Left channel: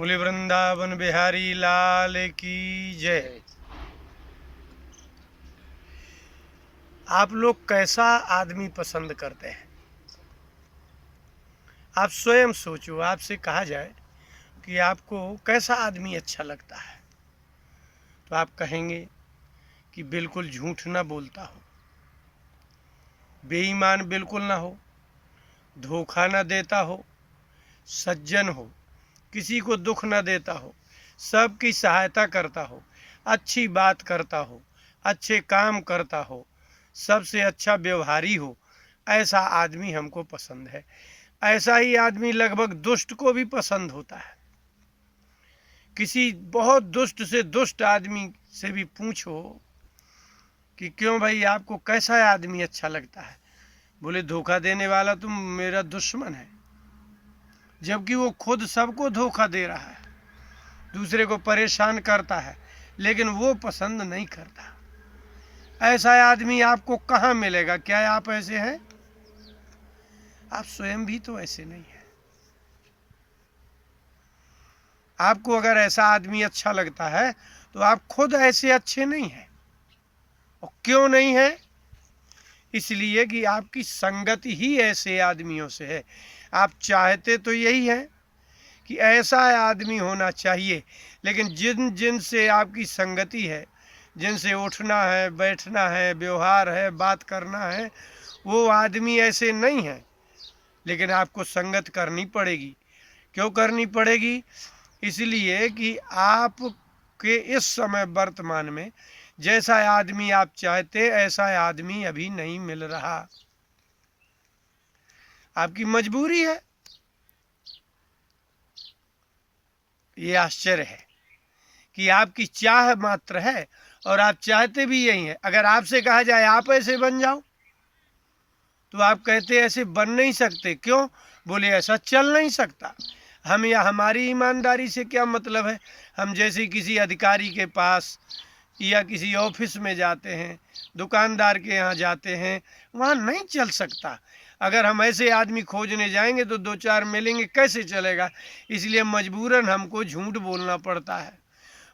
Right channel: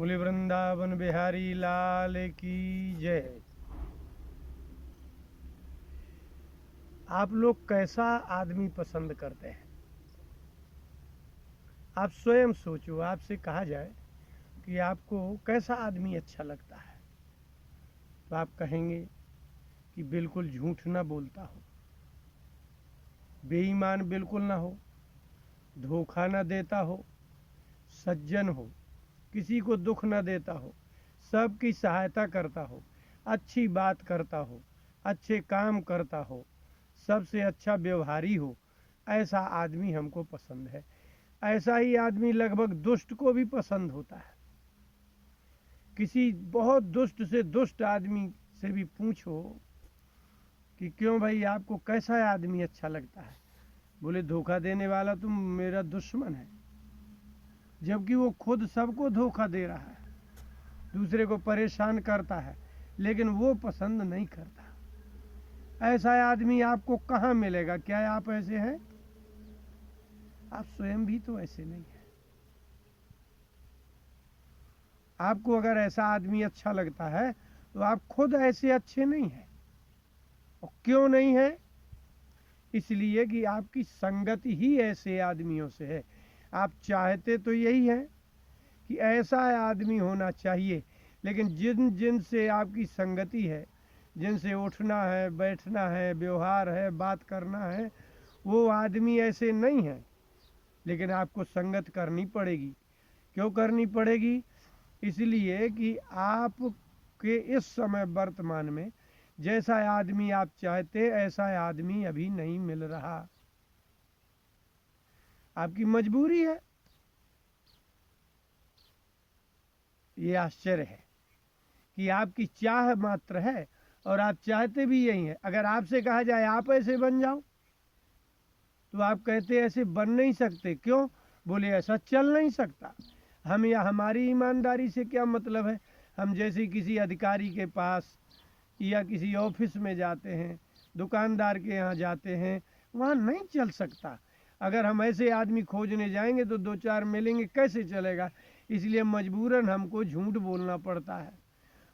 बोले वृंदावन बिहारी लाल की जय। आप लोग कैसा आदमी पसंद करते हैं? आप स्वयं सोचो। आपसे कहा जाए कि आपको कैसा आदमी अच्छा लगता है, तो आप कहेंगे कि बिल्कुल झूठ ना बोलता हो, बेईमान बिल्कुल ना हो, धोखा ना देता हो, सज्जन हो, किसी को दुख ना देता हो, सबकी सहायता करता हो, अच्छी बात करता हो, अच्छे काम करता हो, सबसे अच्छा व्यवहारी हो। ऐसा आदमी हमको पसंद है। ऐसा ही आदमी लगभग दुष्ट को भी पसंद होता है। किसी बहुत दुष्ट से दुष्ट आदमी से भी पूछो कि क्यों भाई आपको कैसा आदमी अच्छा लगता है, बोले धोखा देने वाला तुम मेरा दुश्मन है। जबकि वो खुद सबको धोखा दे रहा है, दूसरे को परेशान करता है, लेकिन वो पसंद नहीं करता। ऐसा आदमी आपको कहाँ मिलेगा? क्या आप ऐसे हैं? आप स्वयं भी तो ऐसे नहीं हैं। आपको अगर ऐसा आदमी अच्छा लगता है तो आप खुद ऐसे अच्छे नहीं हैं। और क्यों नहीं है? इसलिए कि आपकी संगत ही ऐसे आदमियों से है। आप चाहते तो यही है कि ऐसा आदमी होना चाहिए, लेकिन जिन जिन से आपकी संगति है, जिनसे उठना है, बैठना है, व्यवहार है, बात करना है, वो आदमी ऐसे नहीं है। लेकिन आपको संगत करनी पड़ेगी। क्यों करनी पड़ेगी? इसलिए कि आप के इस समय वर्तमान में जैसा आदमी आप चाहते ऐसा आदमी अभी नहीं मिल रहा। आपकी मजबूरी है। ये आश्चर्य है कि आपकी चाह मात्र है और आप चाहते भी यही है। अगर आपसे कहा जाए आप ऐसे बन जाओ, तो आप कहते ऐसे बन नहीं सकते। क्यों? बोले ऐसा चल नहीं सकता। हम या हमारी ईमानदारी से क्या मतलब है? हम जैसे किसी अधिकारी के पास या किसी ऑफिस में जाते हैं, दुकानदार के यहाँ जाते हैं, वहाँ नहीं चल सकता। अगर हम ऐसे आदमी खोजने जाएंगे तो दो चार मिलेंगे, कैसे चलेगा? इसलिए मजबूरन हमको झूठ बोलना पड़ता है,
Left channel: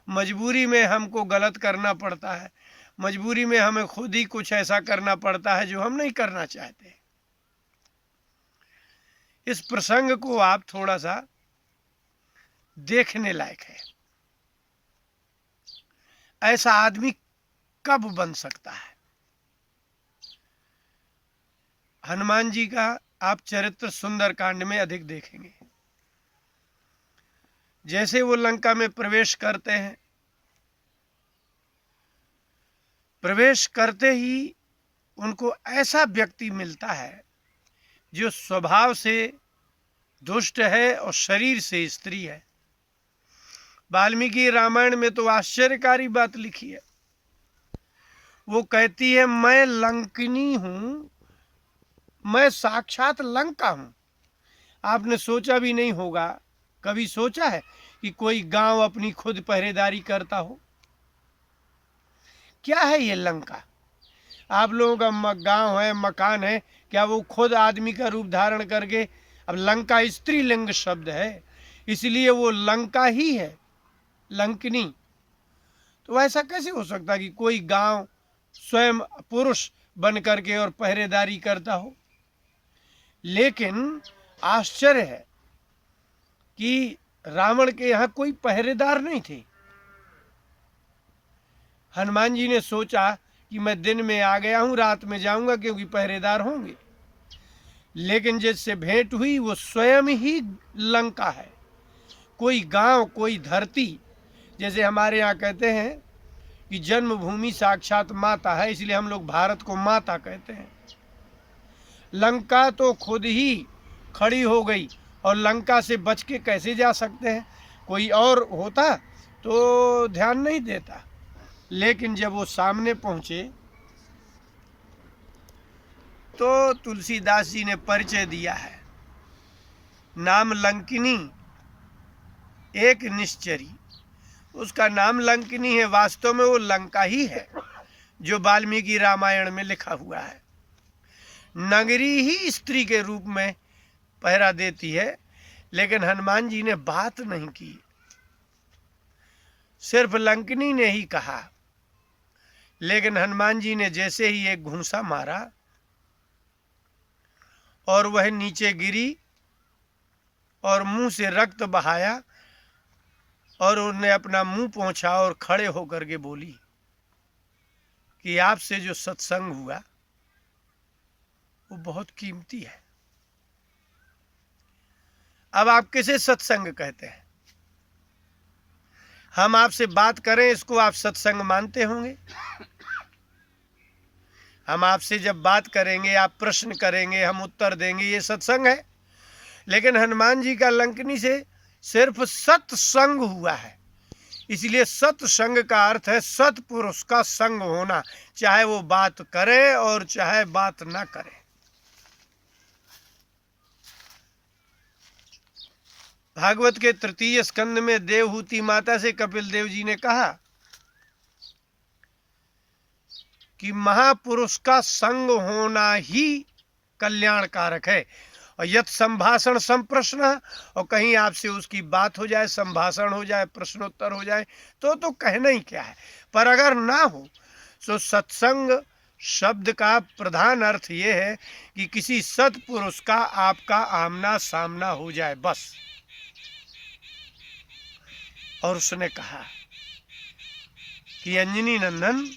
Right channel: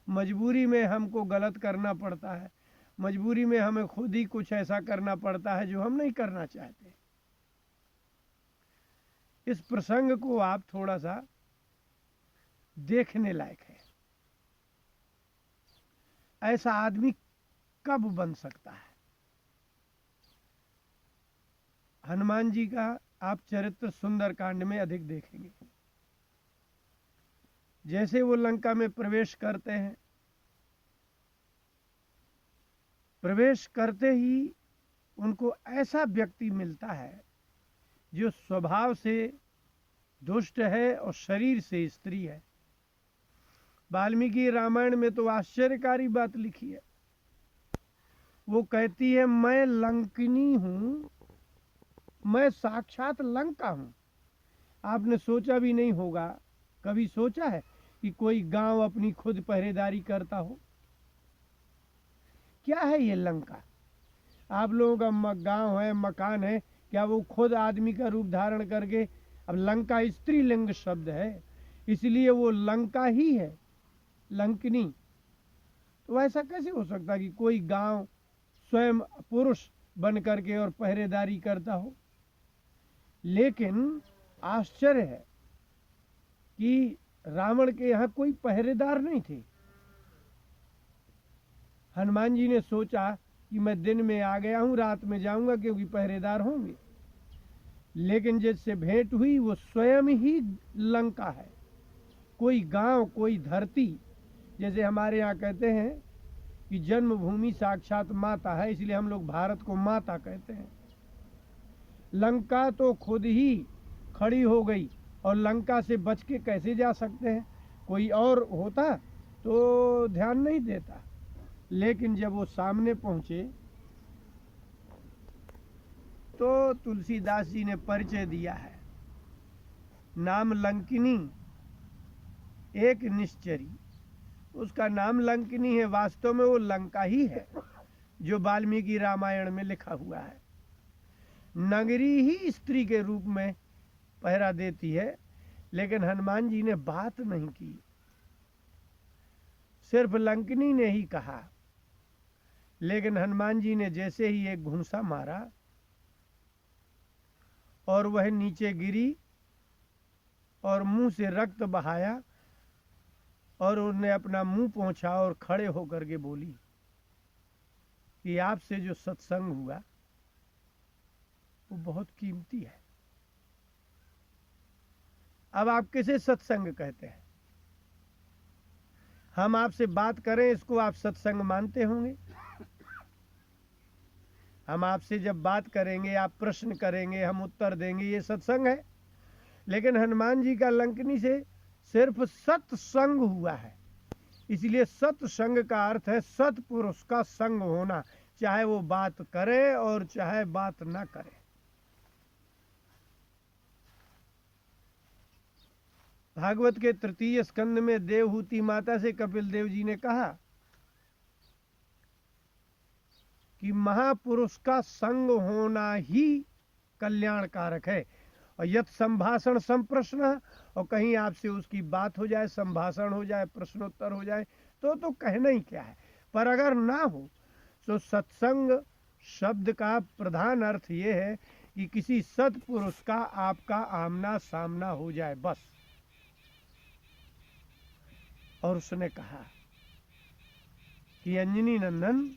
मजबूरी में हमको गलत करना पड़ता है, मजबूरी में हमें खुद ही कुछ ऐसा करना पड़ता है जो हम नहीं करना चाहते। इस प्रसंग को आप थोड़ा सा देखने लायक है। ऐसा आदमी कब बन सकता है? हनुमान जी का आप चरित्र सुंदरकांड में अधिक देखेंगे। जैसे वो लंका में प्रवेश करते हैं, प्रवेश करते ही उनको ऐसा व्यक्ति मिलता है जो स्वभाव से दुष्ट है और शरीर से स्त्री है। वाल्मीकि रामायण में तो आश्चर्यकारी बात लिखी है। वो कहती है मैं लंकिनी हूं, मैं साक्षात लंका हूं। आपने सोचा भी नहीं होगा, कभी सोचा है कि कोई गांव अपनी खुद पहरेदारी करता हो? क्या है ये लंका? आप लोगों का गांव है, मकान है, क्या वो खुद आदमी का रूप धारण करके? अब लंका स्त्रीलिंग शब्द है, इसलिए वो लंका ही है, लंकिनी। तो ऐसा कैसे हो सकता है कि कोई गांव स्वयं पुरुष बन करके और पहरेदारी करता हो? लेकिन आश्चर्य है कि रावण के यहाँ कोई पहरेदार नहीं थे। हनुमान जी ने सोचा कि मैं दिन में आ गया हूँ, रात में जाऊंगा क्योंकि पहरेदार होंगे। लेकिन जिससे भेंट हुई वो स्वयं ही लंका है। कोई गांव, कोई धरती। जैसे हमारे यहाँ कहते हैं कि जन्मभूमि साक्षात माता है, इसलिए हम लोग भारत को माता कहते हैं। लंका तो खुद ही खड़ी हो गई, और लंका से बच के कैसे जा सकते हैं? कोई और होता तो ध्यान नहीं देता। लेकिन जब वो सामने पहुंचे तो तुलसीदास जी ने परिचय दिया है। नाम लंकिनी एक निश्चरी। उसका नाम लंकिनी है, वास्तव में वो लंका ही है जो वाल्मीकि रामायण में लिखा हुआ है। नगरी ही स्त्री के रूप में पहरा देती है, लेकिन हनुमान जी ने बात नहीं की। सिर्फ लंकिनी ने ही कहा, लेकिन हनुमान जी ने जैसे ही एक घूंसा मारा और वह नीचे गिरी और मुंह से रक्त बहाया और उन्हें अपना मुंह पोंछा और खड़े होकर के बोली कि आपसे जो सत्संग हुआ वो बहुत कीमती है। अब आप किसे सत्संग कहते हैं? हम आपसे बात करें, इसको आप सत्संग मानते होंगे? हम आपसे जब बात करेंगे, आप प्रश्न करेंगे, हम उत्तर देंगे, ये सत्संग है। लेकिन हनुमान जी का लंकिनी से सिर्फ सत्संग हुआ है। इसलिए सत्संग का अर्थ है सत्पुरुष का संग होना, चाहे वो बात करे और चाहे बात ना करे। भागवत के तृतीय स्कंद में देवहूति माता से कपिल देव जी ने कहा कि महापुरुष का संग होना ही कल्याणकारक है। और यत् संभाषण संप्रश्न, और कहीं आपसे उसकी बात हो जाए, संभाषण हो जाए, प्रश्नोत्तर हो जाए, तो कहना ही क्या है। पर अगर ना हो तो सत्संग शब्द का प्रधान अर्थ ये है कि किसी सत्पुरुष का आपका आमना सामना हो जाए, बस। और उसने कहा कि अंजनी नंदन,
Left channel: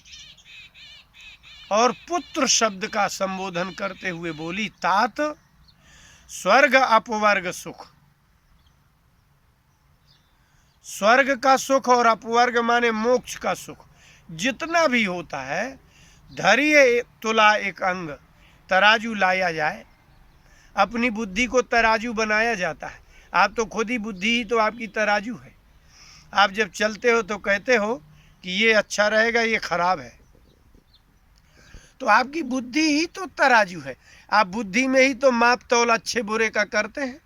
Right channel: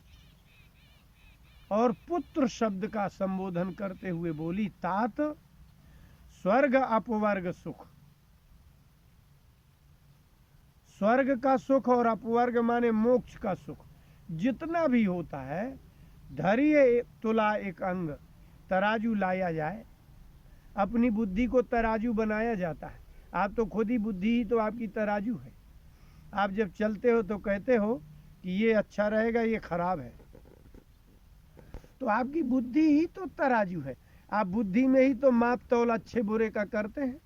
और पुत्र शब्द का संबोधन करते हुए बोली, तात स्वर्ग अपवर्ग सुख। स्वर्ग का सुख और अपवर्ग माने मोक्ष का सुख जितना भी होता है, धैर्य तुला एक अंग, तराजू लाया जाए। अपनी बुद्धि को तराजू बनाया जाता है। आप तो खुद ही बुद्धि ही तो आपकी तराजू है। आप जब चलते हो तो कहते हो कि ये अच्छा रहेगा, ये खराब है, तो आपकी बुद्धि ही तो तराजू है। आप बुद्धि में ही तो माप तौल अच्छे बुरे का करते हैं।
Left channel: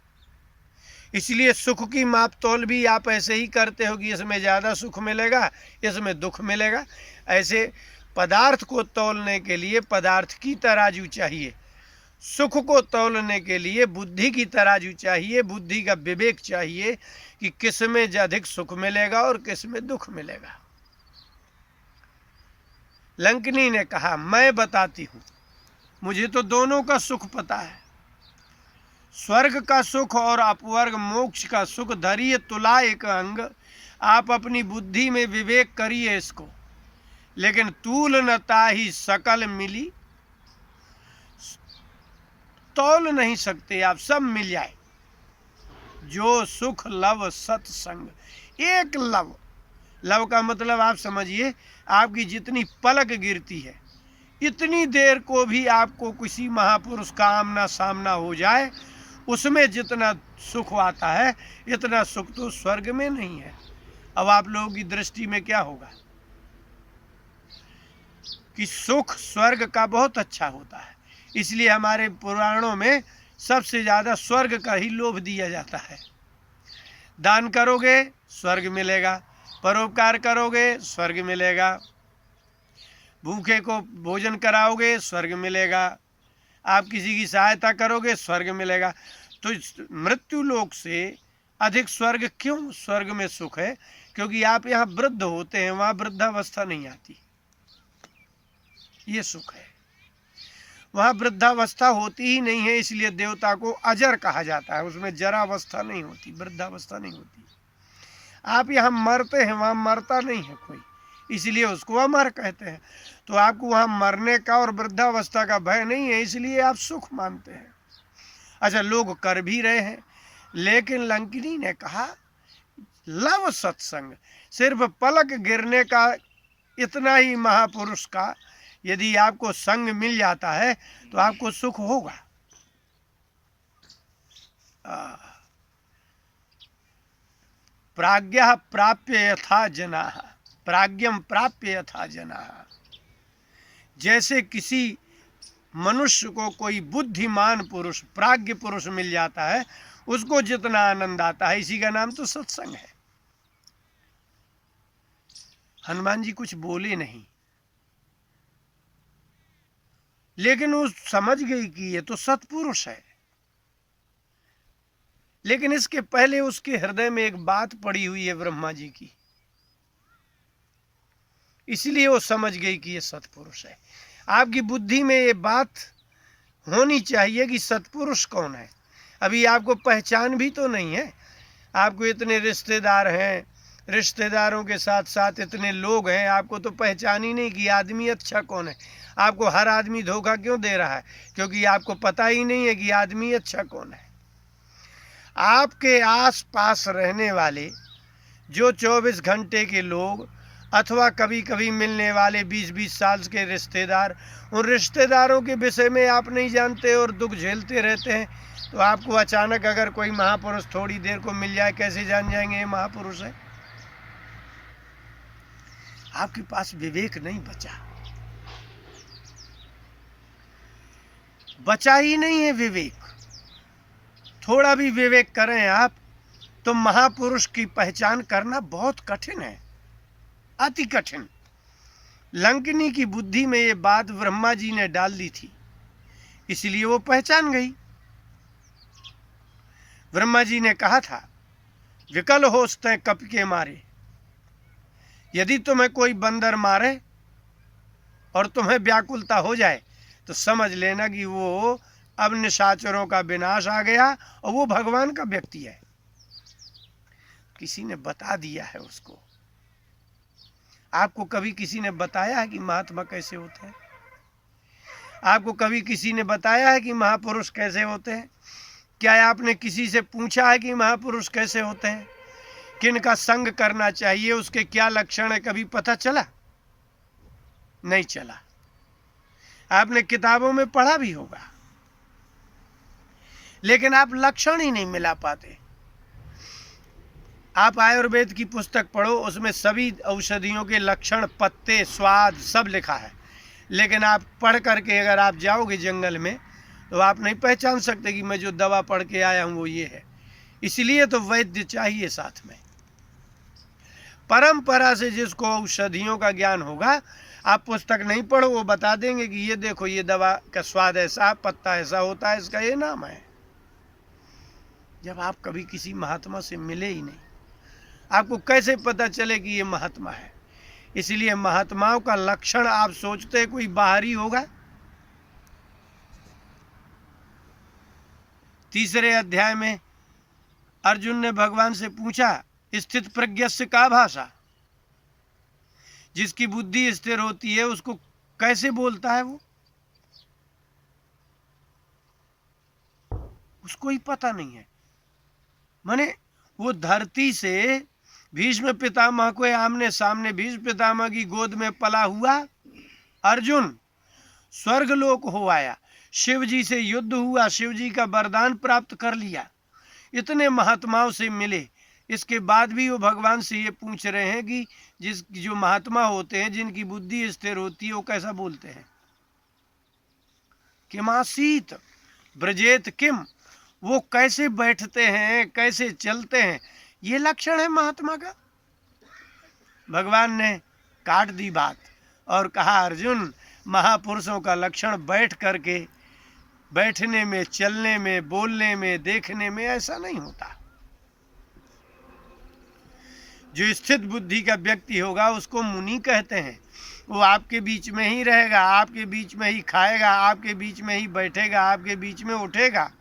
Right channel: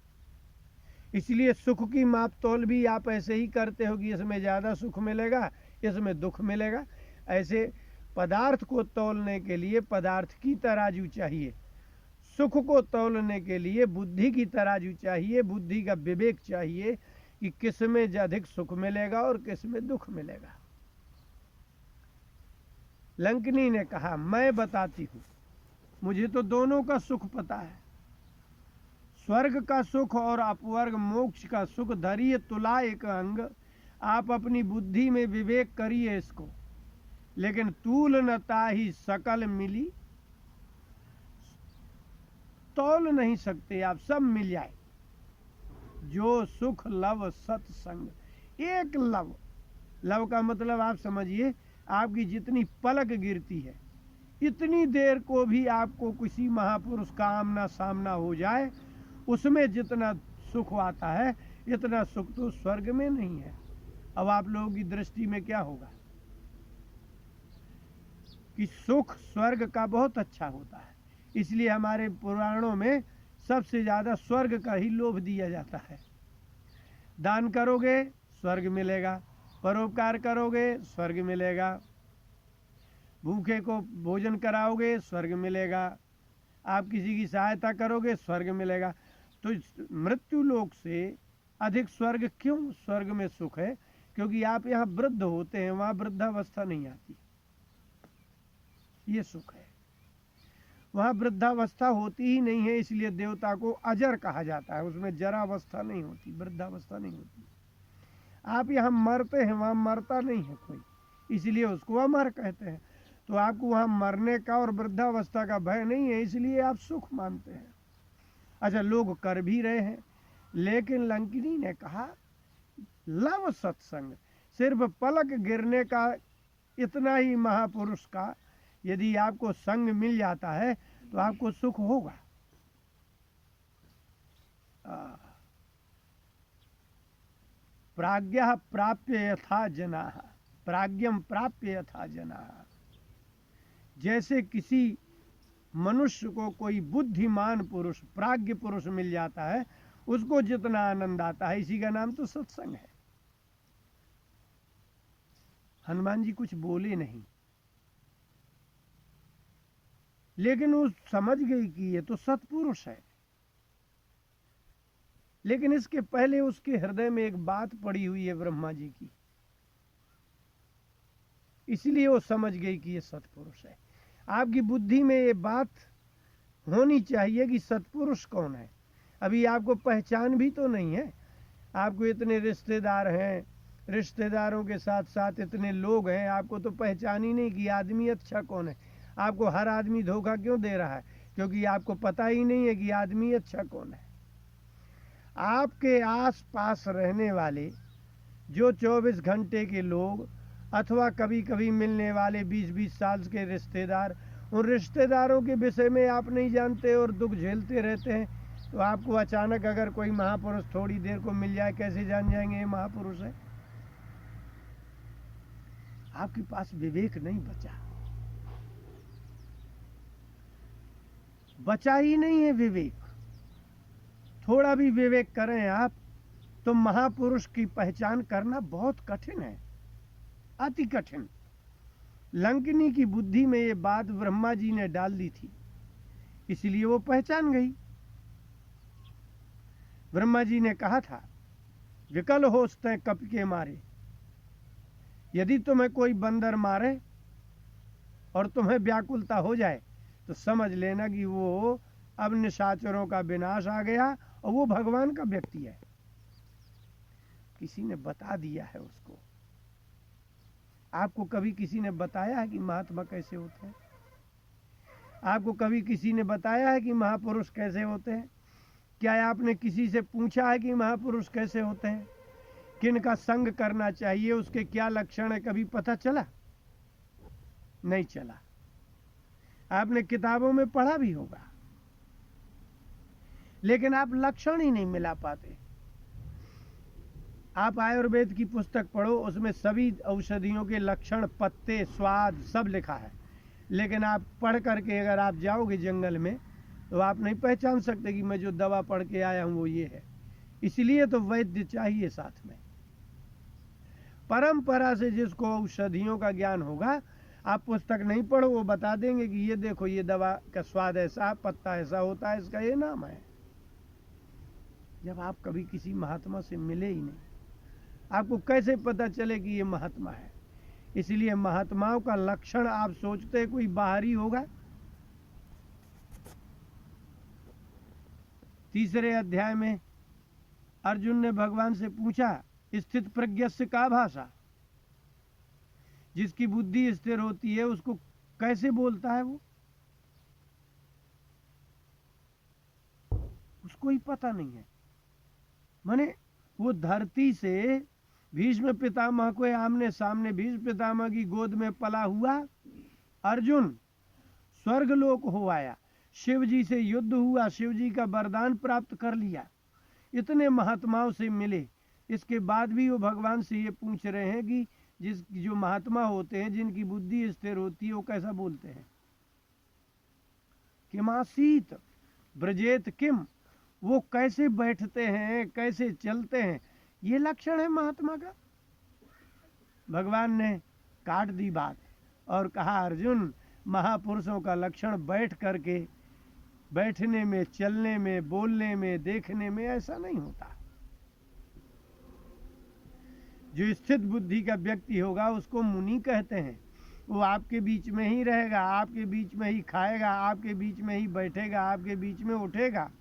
इसलिए सुख की माप तौल भी आप ऐसे ही करते हो कि इसमें ज़्यादा सुख मिलेगा, इसमें दुख मिलेगा। ऐसे पदार्थ को तौलने के लिए पदार्थ की तराजू चाहिए, सुख को तौलने के लिए बुद्धि की तराजू चाहिए, बुद्धि का विवेक चाहिए कि किस में अधिक सुख मिलेगा और किस में दुख मिलेगा। लंकिनी ने कहा, मैं बताती हूँ, मुझे तो दोनों का सुख पता है। स्वर्ग का सुख और अपवर्ग मोक्ष का सुख धैर्य तुला एक अंग। आप अपनी बुद्धि में विवेक करिए इसको, लेकिन तूल न ताहि सकल मिली, तौल नहीं सकते आप, सब मिल जाए। जो सुख लव सत्संग, एक लव, लव का मतलब आप समझिए, आपकी जितनी पलक गिरती है इतनी देर को भी आपको किसी महापुरुष का आमना सामना हो जाए, उसमें जितना सुख आता है इतना सुख तो स्वर्ग में नहीं है। अब आप लोगों की दृष्टि में क्या होगा कि सुख स्वर्ग का बहुत अच्छा होता है। इसलिए हमारे पुराणों में सबसे ज़्यादा स्वर्ग का ही लोभ दिया जाता है। दान करोगे स्वर्ग मिलेगा, परोपकार करोगे स्वर्ग मिलेगा, भूखे को भोजन कराओगे स्वर्ग मिलेगा, आप किसी की सहायता करोगे स्वर्ग मिलेगा। तो मृत्यु लोक से अधिक स्वर्ग क्यों? स्वर्ग में सुख है क्योंकि आप यहाँ वृद्ध होते हैं, वहाँ वृद्धावस्था नहीं आती, ये सुख है। वहाँ वृद्धावस्था होती ही नहीं है, इसलिए देवता को अजर कहा जाता है। उसमें जरावस्था नहीं होती, वृद्धावस्था नहीं होती। आप यहाँ मरते हैं, वहाँ मरता नहीं है कोई, इसलिए उसको अमर कहते हैं। तो आपको वहाँ मरने का और वृद्धावस्था का भय नहीं है, इसलिए आप सुख मानते हैं। अच्छा, लोग कर भी रहे हैं, लेकिन लंकिनी ने कहा लव सत्संग, सिर्फ पलक गिरने का इतना ही महापुरुष का यदि आपको संग मिल जाता है तो आपको सुख होगा। प्राज्ञः प्राप्य यथा जनाः, प्राज्ञं प्राप्य यथा जनाः। जैसे किसी मनुष्य को कोई बुद्धिमान पुरुष, प्राज्ञ पुरुष मिल जाता है, उसको जितना आनंद आता है, इसी का नाम तो सत्संग है। हनुमान जी कुछ बोले नहीं, लेकिन वो समझ गई कि ये तो सत्पुरुष है। लेकिन इसके पहले उसके हृदय में एक बात पड़ी हुई है ब्रह्मा जी की। इसलिए वो समझ गई कि ये सत्पुरुष है। आपकी बुद्धि में ये बात होनी चाहिए कि सत्पुरुष कौन है। अभी आपको पहचान भी तो नहीं है। आपको इतने रिश्तेदार हैं, रिश्तेदारों के साथ साथ इतने लोग हैं, आपको तो पहचान ही नहीं कि आदमी अच्छा कौन है। आपको हर आदमी धोखा क्यों दे रहा है? क्योंकि आपको पता ही नहीं है कि आदमी अच्छा कौन है। आपके आस पास रहने वाले जो 24 घंटे के लोग अथवा कभी कभी मिलने वाले 20-20 साल के रिश्तेदार, उन रिश्तेदारों के विषय में आप नहीं जानते और दुख झेलते रहते हैं। तो आपको अचानक अगर कोई महापुरुष थोड़ी देर को मिल जाए, कैसे जान जाएंगे ये महापुरुष है? आपके पास विवेक नहीं बचा ही नहीं है विवेक। थोड़ा भी विवेक करें आप तो महापुरुष की पहचान करना बहुत कठिन है, अति कठिन। लंकिनी की बुद्धि में ये बात ब्रह्मा जी ने डाल दी थी, इसलिए वो पहचान गई। ब्रह्मा जी ने कहा था, विकल होस्ते कप के मारे। यदि तुम्हें कोई बंदर मारे और तुम्हें व्याकुलता हो जाए तो समझ लेना कि वो अब निशाचरों का विनाश आ गया और वो भगवान का व्यक्ति है। किसी ने बता दिया है उसको। आपको कभी किसी ने बताया है कि महात्मा कैसे होते हैं? आपको कभी किसी ने बताया है कि महापुरुष कैसे होते हैं? क्या आपने किसी से पूछा है कि महापुरुष कैसे होते हैं, किनका संग करना चाहिए, उसके क्या लक्षण है? कभी पता चला? नहीं चला। आपने किताबों में पढ़ा भी होगा, लेकिन आप लक्षण ही नहीं मिला पाते। आप आयुर्वेद की पुस्तक पढ़ो, उसमें सभी औषधियों के लक्षण, पत्ते, स्वाद सब लिखा है, लेकिन आप पढ़ करके अगर आप जाओगे जंगल में तो आप नहीं पहचान सकते कि मैं जो दवा पढ़ के आया हूँ वो ये है। इसलिए तो वैद्य चाहिए साथ में। परंपरा से जिसको औषधियों का ज्ञान होगा, आप पुस्तक नहीं पढ़ो, वो बता देंगे कि ये देखो ये दवा का स्वाद ऐसा, पत्ता ऐसा होता है, इसका ये नाम है। जब आप कभी किसी महात्मा से मिले ही नहीं, आपको कैसे पता चले कि ये महात्मा है? इसलिए महात्माओं का लक्षण आप सोचते हैं कोई बाहरी होगा। 3 अध्याय में अर्जुन ने भगवान से पूछा, स्थित प्रज्ञस्य का भाषा। जिसकी बुद्धि स्थिर होती है उसको कैसे बोलता है वो? उसको ही पता नहीं है। माने वो धरती से भीष्म पितामह को आमने सामने, भीष्म पितामह की गोद में पला हुआ अर्जुन स्वर्गलोक हो आया, शिव जी से युद्ध हुआ, शिव जी का वरदान प्राप्त कर लिया, इतने महात्माओं से मिले, इसके बाद भी वो भगवान से ये पूछ रहे हैं कि जो महात्मा होते हैं, जिनकी बुद्धि स्थिर होती है, वो कैसा बोलते हैं? किमासीत ब्रजेत किम, वो कैसे बैठते हैं, कैसे चलते हैं, ये लक्षण है महात्मा का। भगवान ने काट दी बात और कहा, अर्जुन महापुरुषों का लक्षण बैठ करके, बैठने में, चलने में, बोलने में, देखने में ऐसा नहीं होता। जो स्थित बुद्धि का व्यक्ति होगा उसको मुनि कहते हैं। वो आपके बीच में ही रहेगा, आपके बीच में ही खाएगा, आपके बीच में ही बैठेगा, आपके बीच में उठेगा,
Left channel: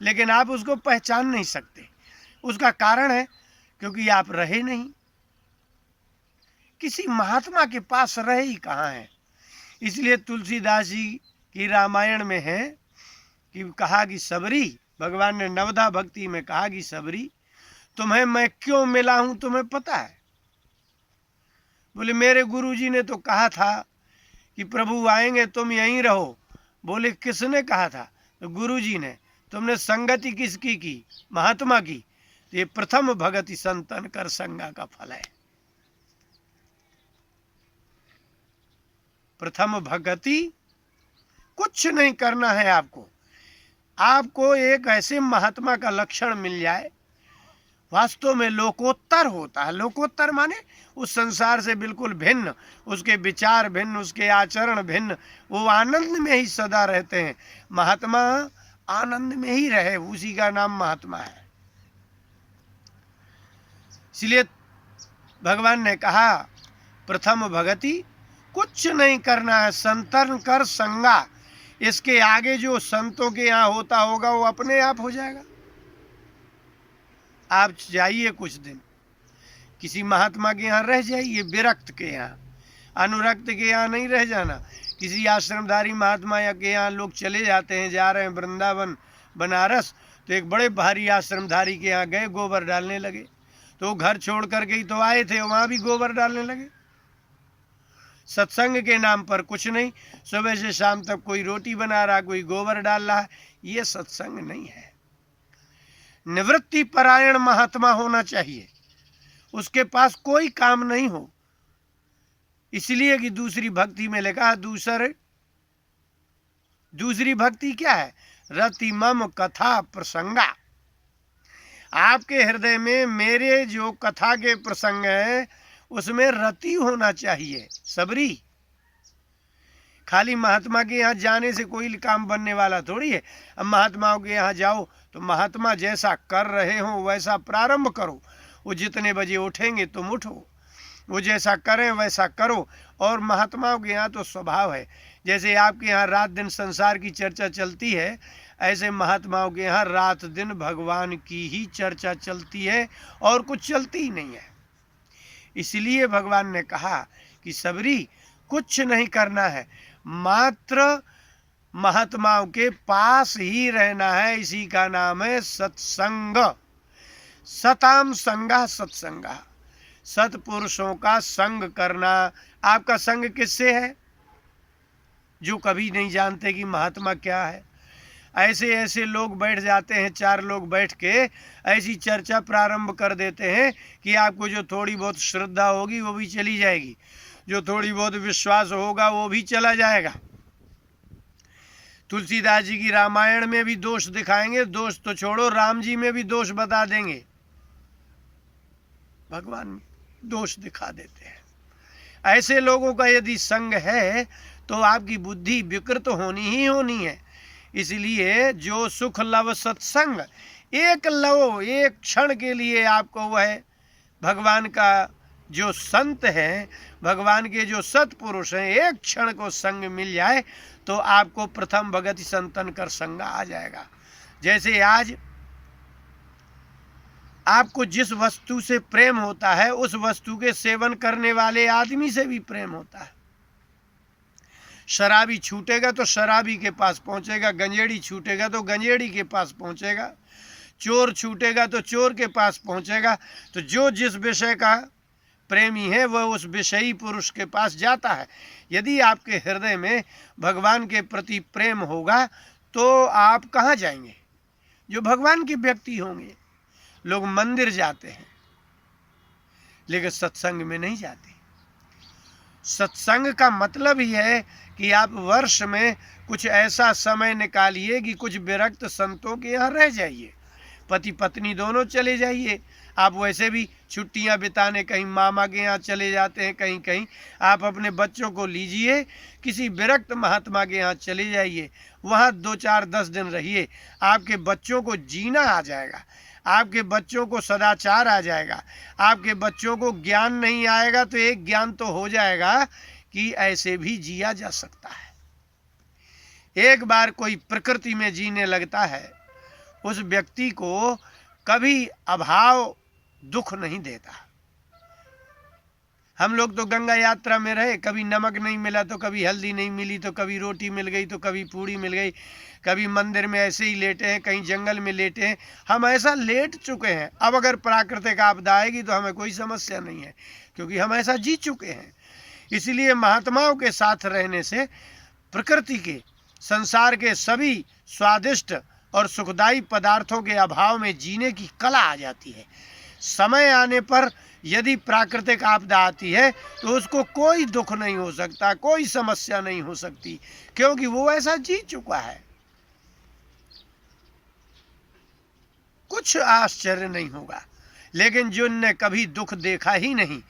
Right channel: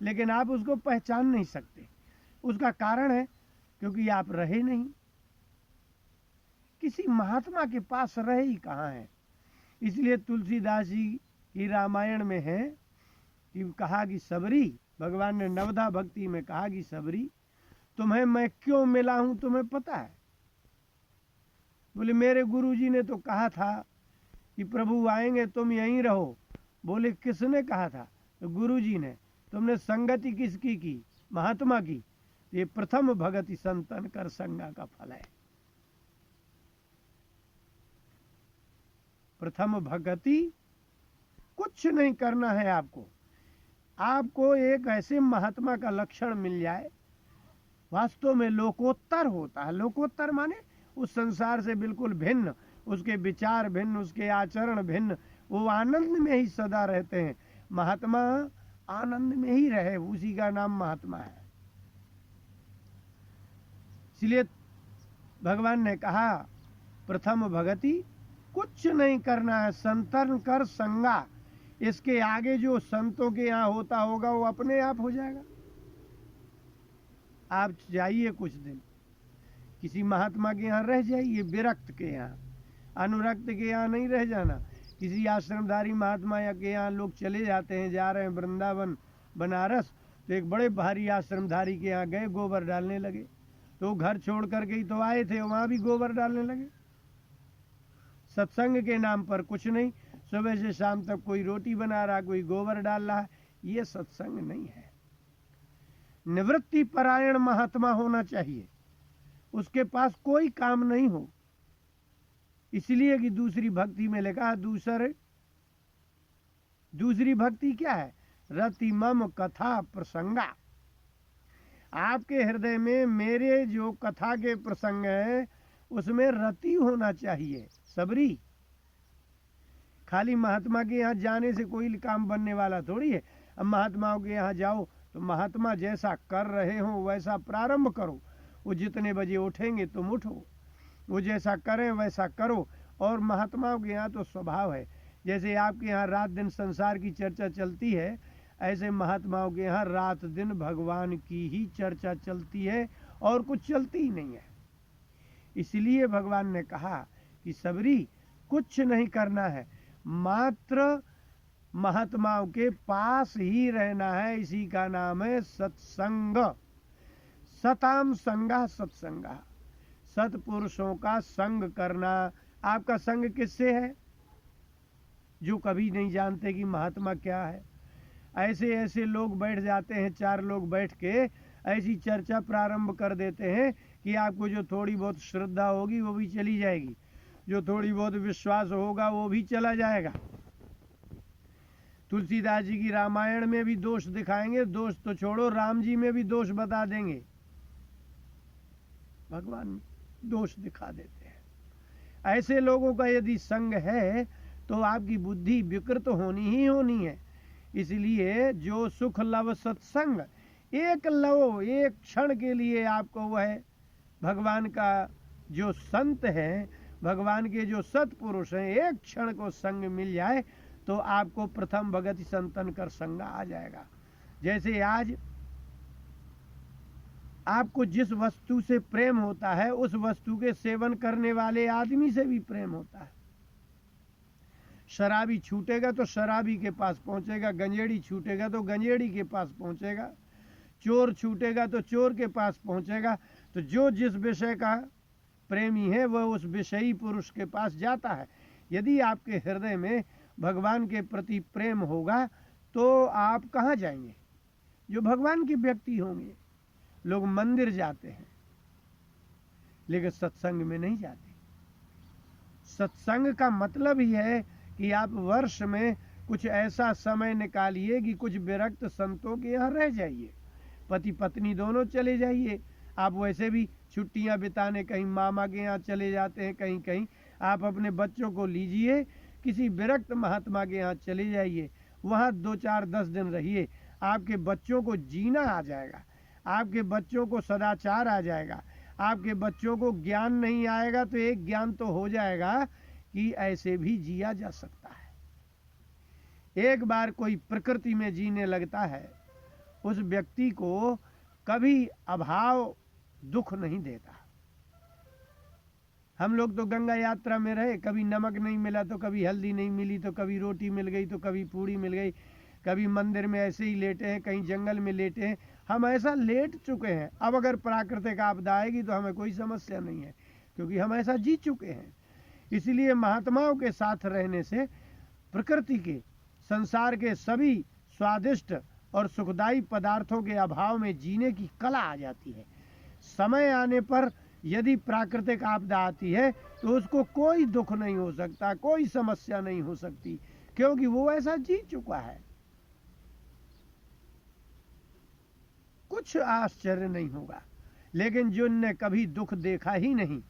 लेकिन आप उसको पहचान नहीं सकते। उसका कारण है क्योंकि आप रहे नहीं, किसी महात्मा के पास रहे ही कहाँ हैं। इसलिए तुलसीदास जी की रामायण में है कि कहा कि सबरी, भगवान ने नवधा भक्ति में कहा कि सबरी तुम्हें मैं क्यों मिला हूं तुम्हें पता है? बोले मेरे गुरुजी ने तो कहा था कि प्रभु आएंगे तुम यहीं रहो। बोले किसने कहा था? तो गुरुजी ने। तुमने संगति किसकी की? महात्मा की। तो ये प्रथम भगति संतन कर संगा का फल है। प्रथम भगति, कुछ नहीं करना है आपको। आपको एक ऐसे महात्मा का लक्षण मिल जाए, वास्तव में लोकोत्तर होता है। लोकोत्तर माने उस संसार से बिल्कुल भिन्न, उसके विचार भिन्न, उसके आचरण भिन्न, वो आनंद में ही सदा रहते हैं। महात्मा आनंद में ही रहे, उसी का नाम महात्मा है। इसलिए भगवान ने कहा प्रथम भगति, कुछ नहीं करना है, संतन कर संगा। इसके आगे जो संतों के यहाँ होता होगा वो अपने आप हो जाएगा। आप जाइए कुछ दिन किसी महात्मा के यहाँ रह जाइए, विरक्त के यहाँ, अनुरक्त के यहाँ नहीं रह जाना। किसी आश्रमधारी महात्मा या के यहाँ लोग चले जाते हैं, जा रहे हैं वृंदावन बनारस, तो एक बड़े भारी आश्रमधारी के यहाँ गए, गोबर डालने लगे। तो वो घर छोड़ करके ही तो आए थे, वहाँ भी गोबर डालने लगे। सत्संग के नाम पर कुछ नहीं, सुबह से शाम तक कोई रोटी बना रहा, कोई गोबर डाल रहा है, ये सत्संग नहीं है। निवृत्ति परायण महात्मा होना चाहिए, उसके पास कोई काम नहीं हो, इसलिए कि दूसरी भक्ति में लिखा, दूसरी भक्ति क्या है? रति मम कथा प्रसंगा। आपके हृदय में मेरे जो कथा के प्रसंग है उसमें रति होना चाहिए, सबरी। खाली महात्मा के यहाँ जाने से कोई काम बनने वाला थोड़ी है। अब महात्माओं के यहाँ जाओ तो महात्मा जैसा कर रहे हो वैसा प्रारंभ करो, वो जितने बजे उठेंगे तुम उठो, वो जैसा करें वैसा करो। और महात्माओं के यहाँ तो स्वभाव है, जैसे आपके यहाँ रात दिन संसार की चर्चा चलती है, ऐसे महात्माओं के यहाँ रात दिन भगवान की ही चर्चा चलती है और कुछ चलती ही नहीं है। इसलिए भगवान ने कहा कि सबरी कुछ नहीं करना है, मात्र महात्माओं के पास ही रहना है। इसी का नाम है सत्संग। सताम संगा सत्संगा, सत्पुरुषों का संग करना। आपका संग किससे है? जो कभी नहीं जानते कि महात्मा क्या है। ऐसे ऐसे लोग बैठ जाते हैं, 4 लोग बैठ के ऐसी चर्चा प्रारंभ कर देते हैं कि आपको जो थोड़ी बहुत श्रद्धा होगी वो भी चली जाएगी, जो थोड़ी बहुत विश्वास होगा वो भी चला जाएगा। तुलसीदास जी की रामायण में भी दोष दिखाएंगे, दोष तो छोड़ो, राम जी में भी दोष बता देंगे, भगवान में दोष दिखा देते हैं। ऐसे लोगों का यदि संग है तो आपकी बुद्धि विकृत होनी ही होनी है। इसलिए जो सुख लव सत्संग, एक लव, एक क्षण के लिए आपको वह भगवान का जो संत है, भगवान के जो सत्पुरुष हैं, एक क्षण को संग मिल जाए तो आपको प्रथम भगति संतन कर संगा आ जाएगा। जैसे आज आपको जिस वस्तु से प्रेम होता है उस वस्तु के सेवन करने वाले आदमी से भी प्रेम होता है। शराबी छूटेगा तो शराबी के पास पहुंचेगा, गंजेड़ी छूटेगा तो गंजेड़ी के पास पहुंचेगा, चोर छूटेगा तो चोर के पास पहुंचेगा। तो जो जिस विषय का प्रेमी है वह उस विषयी पुरुष के पास जाता है। यदि आपके हृदय में भगवान के प्रति प्रेम होगा तो आप कहाँ जाएंगे? जो भगवान के व्यक्ति होंगे। लोग मंदिर जाते हैं लेकिन सत्संग में नहीं जाते। सत्संग का मतलब ही है कि आप वर्ष में कुछ ऐसा समय निकालिए कि कुछ विरक्त संतों के यहाँ रह जाइए, पति पत्नी दोनों चले जाइए। आप वैसे भी छुट्टियां बिताने कहीं मामा के यहाँ चले जाते हैं, कहीं कहीं आप अपने बच्चों को लीजिए, किसी विरक्त महात्मा के यहाँ चले जाइए, वहाँ 2, 4, 10 दिन रहिए। आपके बच्चों को जीना आ जाएगा, आपके बच्चों को सदाचार आ जाएगा, आपके बच्चों को ज्ञान नहीं आएगा तो एक ज्ञान तो हो जाएगा कि ऐसे भी जिया जा सकता है। एक बार कोई प्रकृति में जीने लगता है, उस व्यक्ति को कभी अभाव दुख नहीं देता। हम लोग तो गंगा यात्रा में रहे, कभी नमक नहीं मिला तो कभी हल्दी नहीं मिली, तो कभी रोटी मिल गई तो कभी पूड़ी मिल गई, कभी मंदिर में ऐसे ही लेटे हैं, कहीं जंगल में लेटे हैं। हम ऐसा लेट चुके हैं। अब अगर प्राकृतिक आपदा आएगी तो हमें कोई समस्या नहीं है, क्योंकि हम ऐसा जी चुके हैं। इसलिए महात्माओं के साथ रहने से प्रकृति के, संसार के सभी स्वादिष्ट और सुखदायी पदार्थों के अभाव में जीने की कला आ जाती है। समय आने पर यदि प्राकृतिक आपदा आती है तो उसको कोई दुख नहीं हो सकता, कोई समस्या नहीं हो सकती, क्योंकि वो ऐसा जी चुका है। कुछ आश्चर्य नहीं होगा। लेकिन जिनने कभी दुख देखा ही नहीं,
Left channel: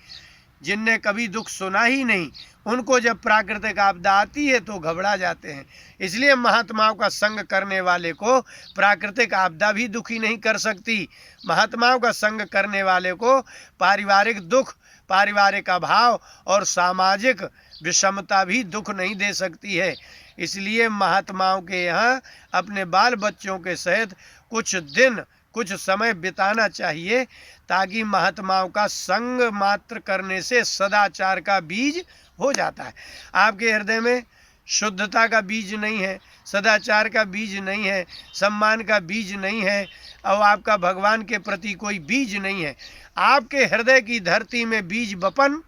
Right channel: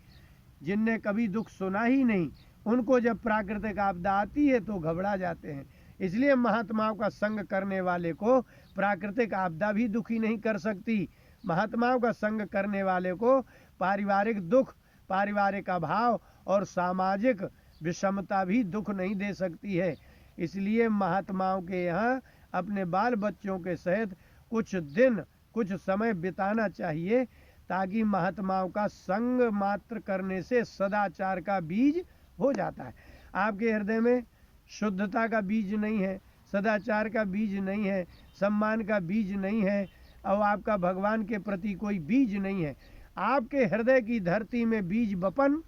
जिनने कभी दुख सुना ही नहीं, उनको जब प्राकृतिक आपदा आती है तो घबरा जाते हैं। इसलिए महात्माओं का संग करने वाले को प्राकृतिक आपदा भी दुखी नहीं कर सकती। महात्माओं का संग करने वाले को पारिवारिक दुख, पारिवारिक अभाव और सामाजिक विषमता भी दुख नहीं दे सकती है। इसलिए महात्माओं के यहाँ अपने बाल बच्चों के सहित कुछ दिन कुछ समय बिताना चाहिए, ताकि महात्माओं का संग मात्र करने से सदाचार का बीज हो जाता है। आपके हृदय में शुद्धता का बीज नहीं है, सदाचार का बीज नहीं है, सम्मान का बीज नहीं है, और आपका भगवान के प्रति कोई बीज नहीं है। आपके हृदय की धरती में बीज बपन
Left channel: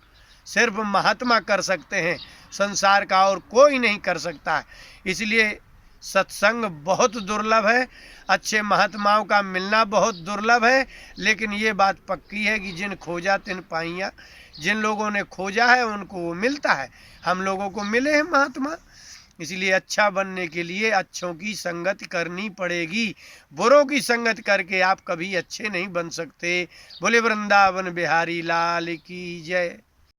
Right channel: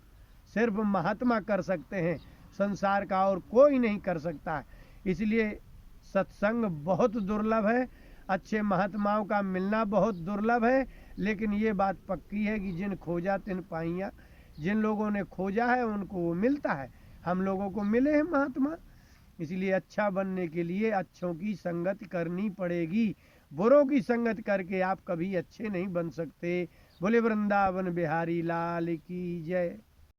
सिर्फ महात्मा कर सकते हैं, संसार का और कोई नहीं कर सकता है। इसलिए सत्संग बहुत दुर्लभ है, अच्छे महात्माओं का मिलना बहुत दुर्लभ है। लेकिन ये बात पक्की है कि जिन खोजा तिन पाइया, जिन लोगों ने खोजा है उनको वो मिलता है। हम लोगों को मिले हैं महात्मा। इसलिए अच्छा बनने के लिए अच्छों की संगत करनी पड़ेगी। बुरों की संगत करके आप कभी अच्छे नहीं बन सकते। बोले वृंदावन बिहारी लाल की जय।